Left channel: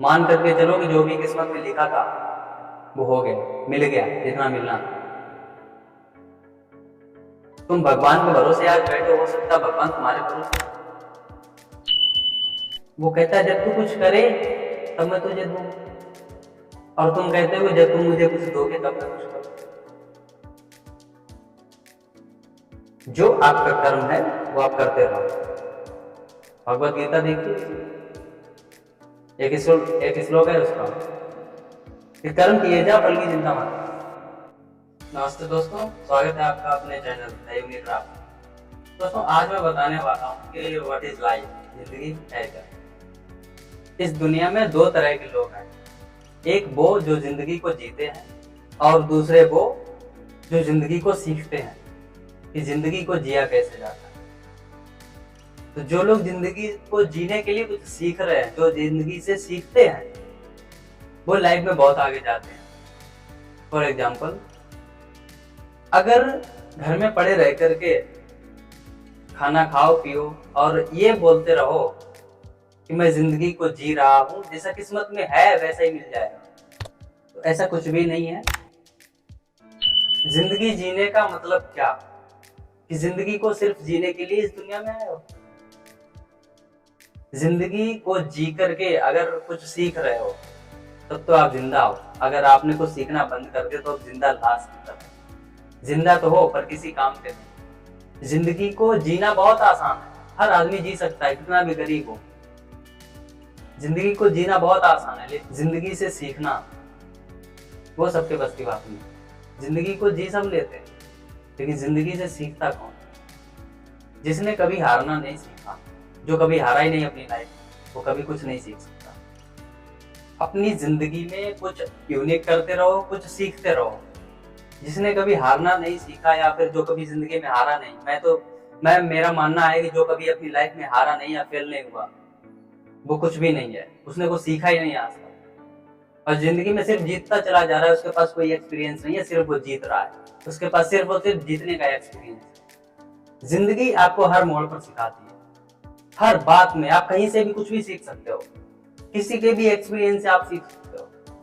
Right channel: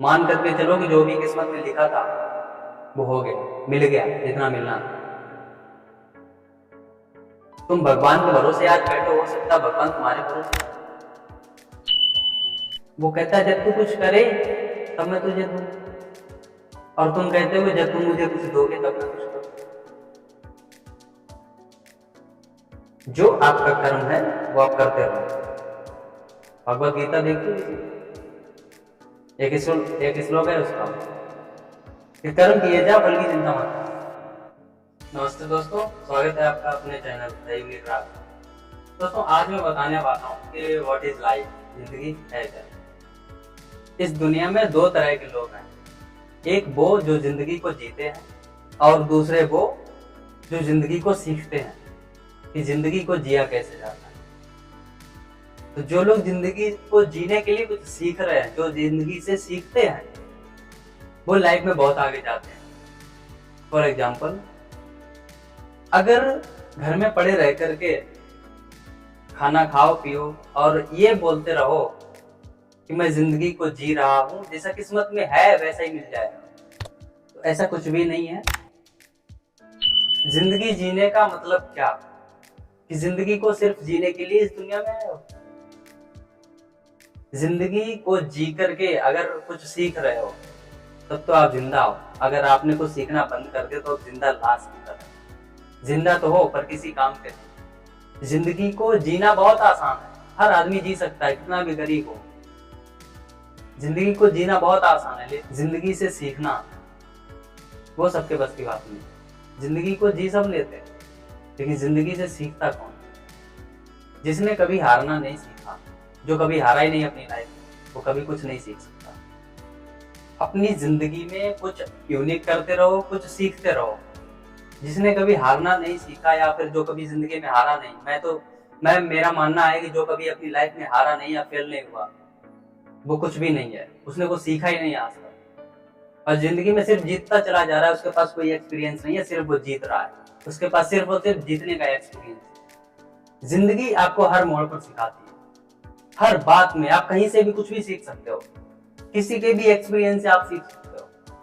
मान करके चलो कि जो भी किस्मत में लिखा था वो हो गया, मिल गया जितना मिलना था। तुम भगवान के भरोसे आज बैठे हो सकता है भगवान तुम्हारे भरोसे। वो कहता है जब तू कुछ करे तब मैं तुझे दूं, और तुम कहते हो कि जब तुम मुझे कुछ दोगे तब मैं कुछ करूं। जो आपका कर्म है वो आप करते रहो। भगवत गीता देखिए, एक श्लोक है उसका कि कर्म किए जा फल की चिंता मत। नमस्ते दोस्तों, स्वागत है आपका अपने चैनल दैवीय क्राफ्ट। दोस्तों आज मैं बताने वाला हूँ कि व्हाट इज लाइफ, जिंदगी है क्या। इस दुनिया में दो तरह के लोग हैं, एक वो जो जिंदगी को जीते हैं और दूसरे वो जो जिंदगी को सीखते हैं कि जिंदगी को जिया कैसे जाता है। तो जो लोग जिंदगी को जीने के लिए कुछ सीख रहे हैं, जो जिंदगी से सीखते हैं, वो लाइफ में बहुत आगे जाते हैं। फॉर एग्जाम्पल, अगर घर में पड़े रह करके खाना खाओ पियो और ये बोलते रहो कि मैं जिंदगी को जी रहा हूं, जैसा किस्मत में है वैसा ही मिल जाएगा, तो ऐसा कुछ भी नहीं है। जिंदगी जीने का मतलब क्या कि जिंदगी को सिर्फ जीने के लिए इस दुनिया में आए हो। जिंदगी को जी करके अगर कुछ सीख रहे हो तब तो आप जिंदा हो। अगर आपने कुछ सीखना बंद कर दिया तो आप जिंदा लाश की तरह। जिंदा तो हो पर किसी काम के नहीं। जिंदगी को जीना बहुत आसान है, हर आदमी जी सकता है, कितना भी गरीब हो। जिंदगी को जीना बहुत आसान है, लेकिन जिंदगी से सीखना वो सबके बस की बात नहीं। जिंदगी को जी सब लेते हैं, लेकिन जिंदगी से सीखता कौन? जिसने कभी हारना नहीं सीखा, जो कभी हारा ही नहीं अपनी लाइफ में, वो कभी कुछ नहीं सीख सकता। अपनी जिंदगी में कुछ यूनिक करते रहो, कुछ सीखते रहो। जिसने कभी हारना नहीं सीखा या फिर जो कभी जिंदगी में हारा नहीं, मेरा मानना है कि जो कभी अपनी लाइफ में हारा नहीं या फेल नहीं हुआ वो कुछ भी नहीं है, उसने कुछ सीखा ही नहीं आज तक। और जिंदगी में सिर्फ जीतता चला जा रहा है, उसके पास कोई एक्सपीरियंस नहीं है, सिर्फ वो जीत रहा है, उसके पास सिर्फ और सिर्फ जीतने का एक्सपीरियंस। जिंदगी आपको हर मोड़ पर सिखाती है, हर बात में। आप कहीं से भी कुछ भी सीख सकते हो, किसी के भी एक्सपीरियंस से आप सीख सकते हो।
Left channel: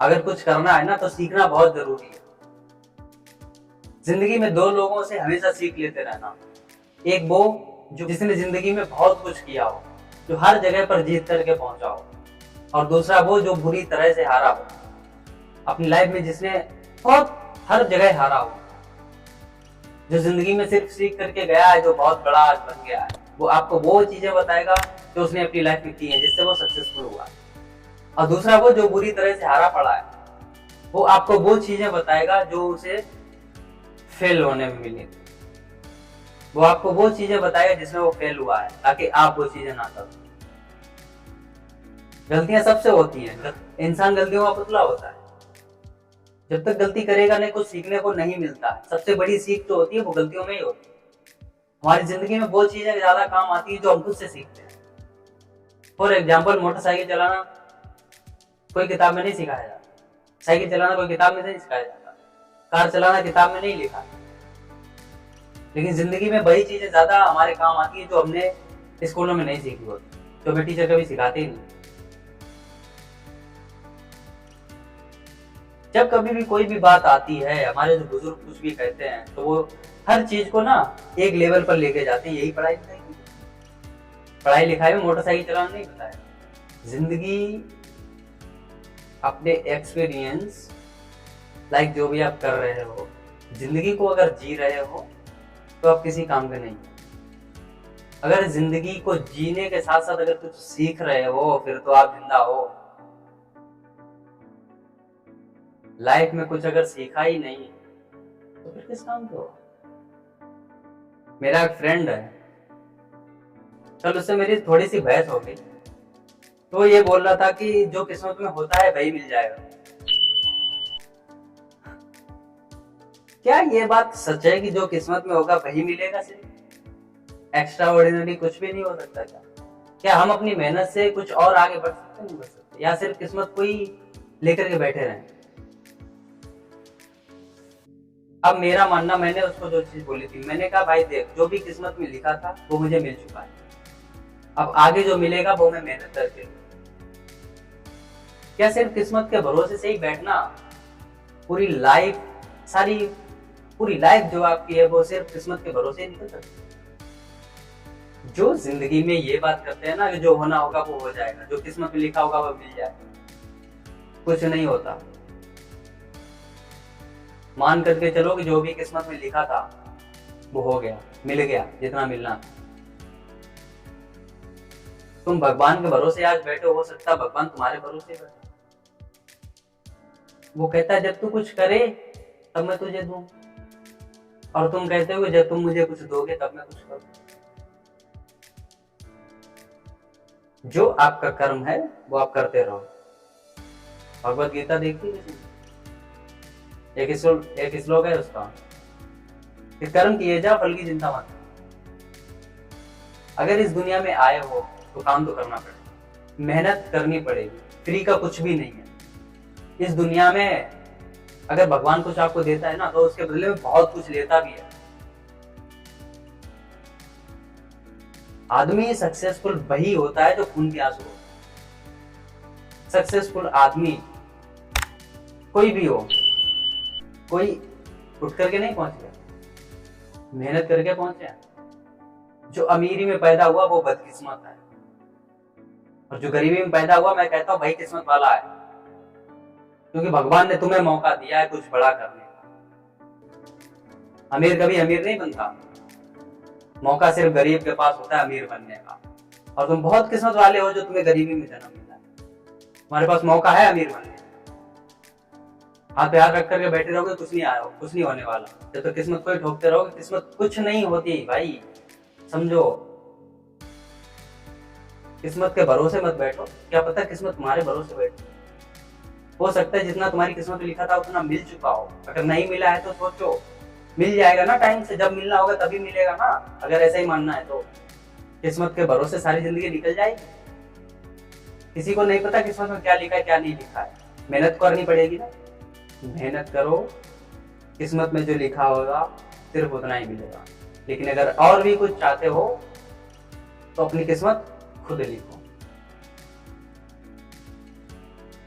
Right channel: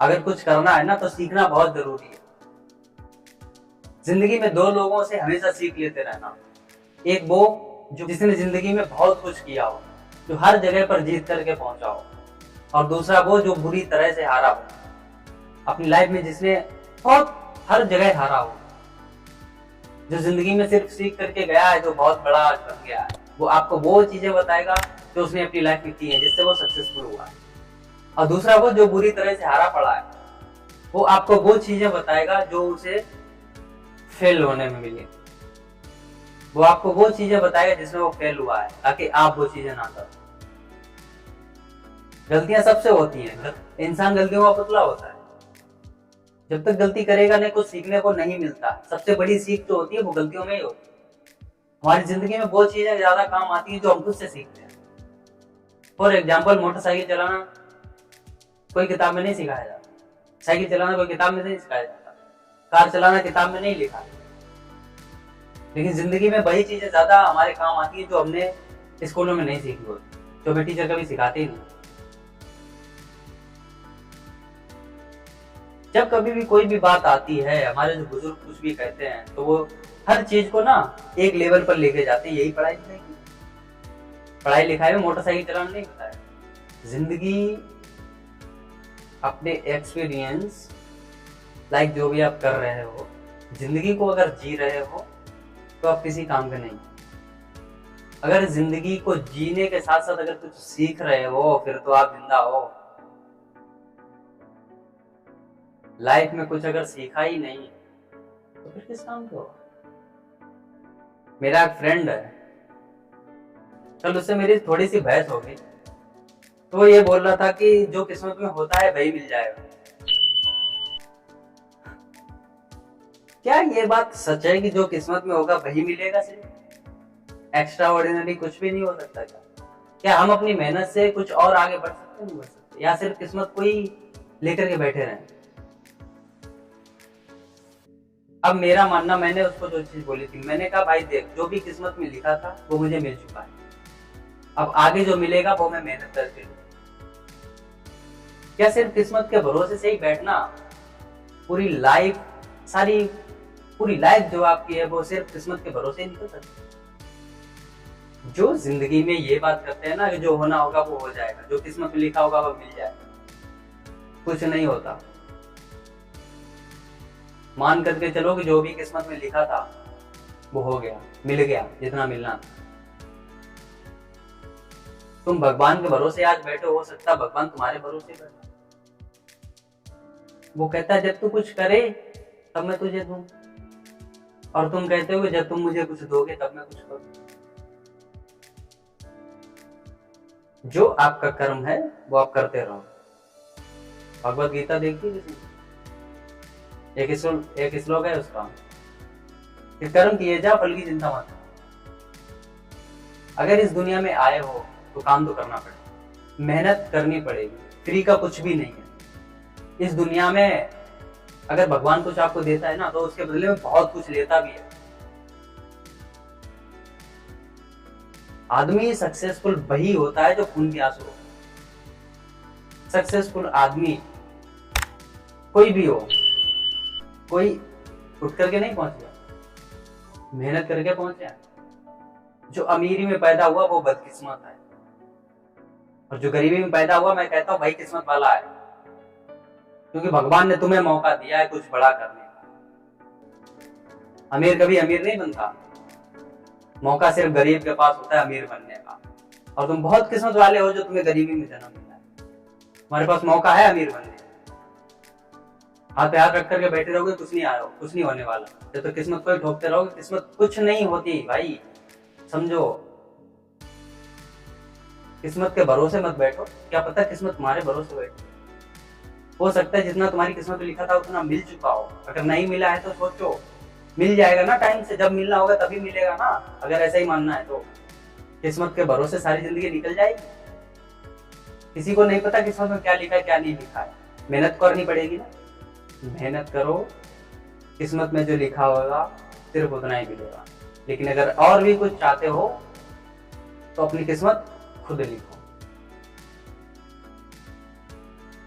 अगर कुछ करना है ना तो सीखना बहुत जरूरी है। जिंदगी में दो लोगों से हमेशा सीख लेते रहना, एक वो जिसने जिंदगी में बहुत कुछ किया हो, जो हर जगह पर जीत करके पहुंचा हो, और दूसरा वो जो बुरी तरह से हारा हो अपनी लाइफ में, जिसने बहुत हर जगह हारा हो, जो जिंदगी में सिर्फ सीख करके गया है, जो बहुत बड़ा आज बन गया है। वो आपको वो चीजें बताएगा जो उसने अपनी लाइफ में की है, जिससे वो सक्सेसफुल हुआ। और दूसरा वो जो बुरी तरह से हारा पड़ा है, वो आपको वो चीजें बताएगा जो उसे फेल होने में मिली। वो आपको वो चीजें बताएगा जिसमें वो फेल हुआ है, ताकि आप वो चीजें ना करो। गलतियां सबसे होती हैं, इंसान गलतियों का पुतला होता है। जब तक गलती करेगा नहीं, कुछ सीखने को नहीं मिलता। सबसे बड़ी सीख जो होती है वो गलतियों में ही होती है। हमारी जिंदगी में वो चीजें ज्यादा काम आती है जो हम खुद से सीखते हैं। फॉर एग्जाम्पल, मोटरसाइकिल चलाना कोई किताब में नहीं सिखाया जाता, साइकिल चलाना कोई किताब में नहीं सिखाया जाता, कार चलाना किताब में नहीं लिखा। लेकिन जिंदगी में वही चीजें ज्यादा हमारे काम आती है जो हमने स्कूलों में नहीं सीखी होती, जो हमें टीचर कभी सिखाते ही नहीं। जब कभी भी कोई भी बात आती है, हमारे जो बुजुर्ग कुछ भी कहते हैं, तो वो हर चीज को ना एक लेवल पर लेके जाते हैं। यही पढ़ाई लिखाई की, पढ़ाई लिखाई में मोटरसाइकिल चलाना नहीं बताया। जिंदगी अपने एक्सपीरियंस, लाइक जो भी आप कर रहे हो, जिंदगी को अगर जी रहे हो तो आप किसी काम के नहीं। अगर जिंदगी को जीने के साथ साथ अगर कुछ सीख रहे हो, फिर तो आप जिंदा हो। लाइफ में कुछ अगर सीखा ही नहीं तो फिर किस काम के हो। मेरा एक फ्रेंड है, कल उससे मेरी थोड़ी सी बहस हो गई, तो वो ये बोल रहा था कि जो किस्मत में होता है वही मिल जाएगा। क्या ये बात सच है कि जो किस्मत में होगा वही मिलेगा? सिर्फ एक्स्ट्रा ऑर्डिनरी कुछ भी नहीं हो सकता क्या? क्या हम अपनी मेहनत से कुछ और आगे बढ़ सकते, नहीं बढ़ सकते, या सिर्फ किस्मत को ही लेकर के बैठे रहें? अब मेरा मानना, मैंने उसको जो चीज बोली थी, मैंने कहा भाई देख, जो भी किस्मत में लिखा था वो मुझे मिल चुका है। अब आगे जो मिलेगा वो मैं मेहनत करके लूं। क्या सिर्फ किस्मत के भरोसे से ही बैठना पूरी लाइफ, सारी पूरी लाइफ जो आपकी है वो सिर्फ किस्मत के भरोसे ही निकल सकती है? जो जिंदगी में ये बात करते हैं ना कि जो होना होगा वो हो जाएगा, जो किस्मत में लिखा होगा वो मिल जाएगा, कुछ नहीं होता। मान करके चलो कि जो भी किस्मत में लिखा था वो हो गया, मिल गया जितना मिलना था। तुम भगवान के भरोसे आज बैठे, हो सकता भगवान तुम्हारे भरोसे बैठे। वो कहता है जब तू कुछ करे तब मैं तुझे दूं, और तुम कहते हो कि जब तुम मुझे कुछ दोगे तब मैं कुछ करूं। जो आपका कर्म है वो आप करते रहो। भगवत गीता देखी किसी ने? एक श्लोक है उसका कि कर्म किए जा, फल की चिंता मत। अगर इस दुनिया में आए हो तो काम तो करना पड़ेगा, मेहनत करनी पड़ेगी, फ्री का कुछ भी नहीं है। इस दुनिया में अगर भगवान कुछ आपको देता है ना तो उसके बदले में बहुत कुछ लेता भी है। आदमी सक्सेसफुल वही होता है जो खून के आंसू हो। सक्सेसफुल आदमी कोई भी हो, कोई उठ करके नहीं पहुंच गया, मेहनत करके पहुंचे। जो अमीरी में पैदा हुआ वो बदकिस्मत है, और जो गरीबी में पैदा हुआ मैं कहता हूं भाई किस्मत वाला है, क्योंकि भगवान ने तुम्हें मौका दिया है कुछ बड़ा करने का। अमीर कभी अमीर नहीं बनता, मौका सिर्फ गरीब के पास होता है अमीर बनने का। और तुम बहुत किस्मत वाले हो जो तुम्हें गरीबी में जन्म मिला है, तुम्हारे पास मौका है अमीर बनने का। हाथ पे हाथ रख करके बैठे रहोगे कुछ नहीं आया, कुछ नहीं होने वाला। जब तो किस्मत को ही ठोकते रहोगे, किस्मत कुछ नहीं होती भाई, समझो। किस्मत के भरोसे मत बैठो, क्या पता किस्मत तुम्हारे भरोसे बैठो। हो सकता है जितना तुम्हारी किस्मत में लिखा था उतना मिल चुका हो, अगर नहीं मिला है तो सोचो मिल जाएगा ना टाइम से, जब मिलना होगा तभी मिलेगा ना। अगर ऐसा ही मानना है तो किस्मत के भरोसे सारी जिंदगी निकल जाएगी। किसी को नहीं पता किस्मत में क्या लिखा है क्या नहीं लिखा है, मेहनत करनी पड़ेगी ना। मेहनत करो, किस्मत में जो लिखा होगा सिर्फ उतना ही मिलेगा। लेकिन अगर और भी कुछ चाहते हो तो अपनी किस्मत खुद लिखो।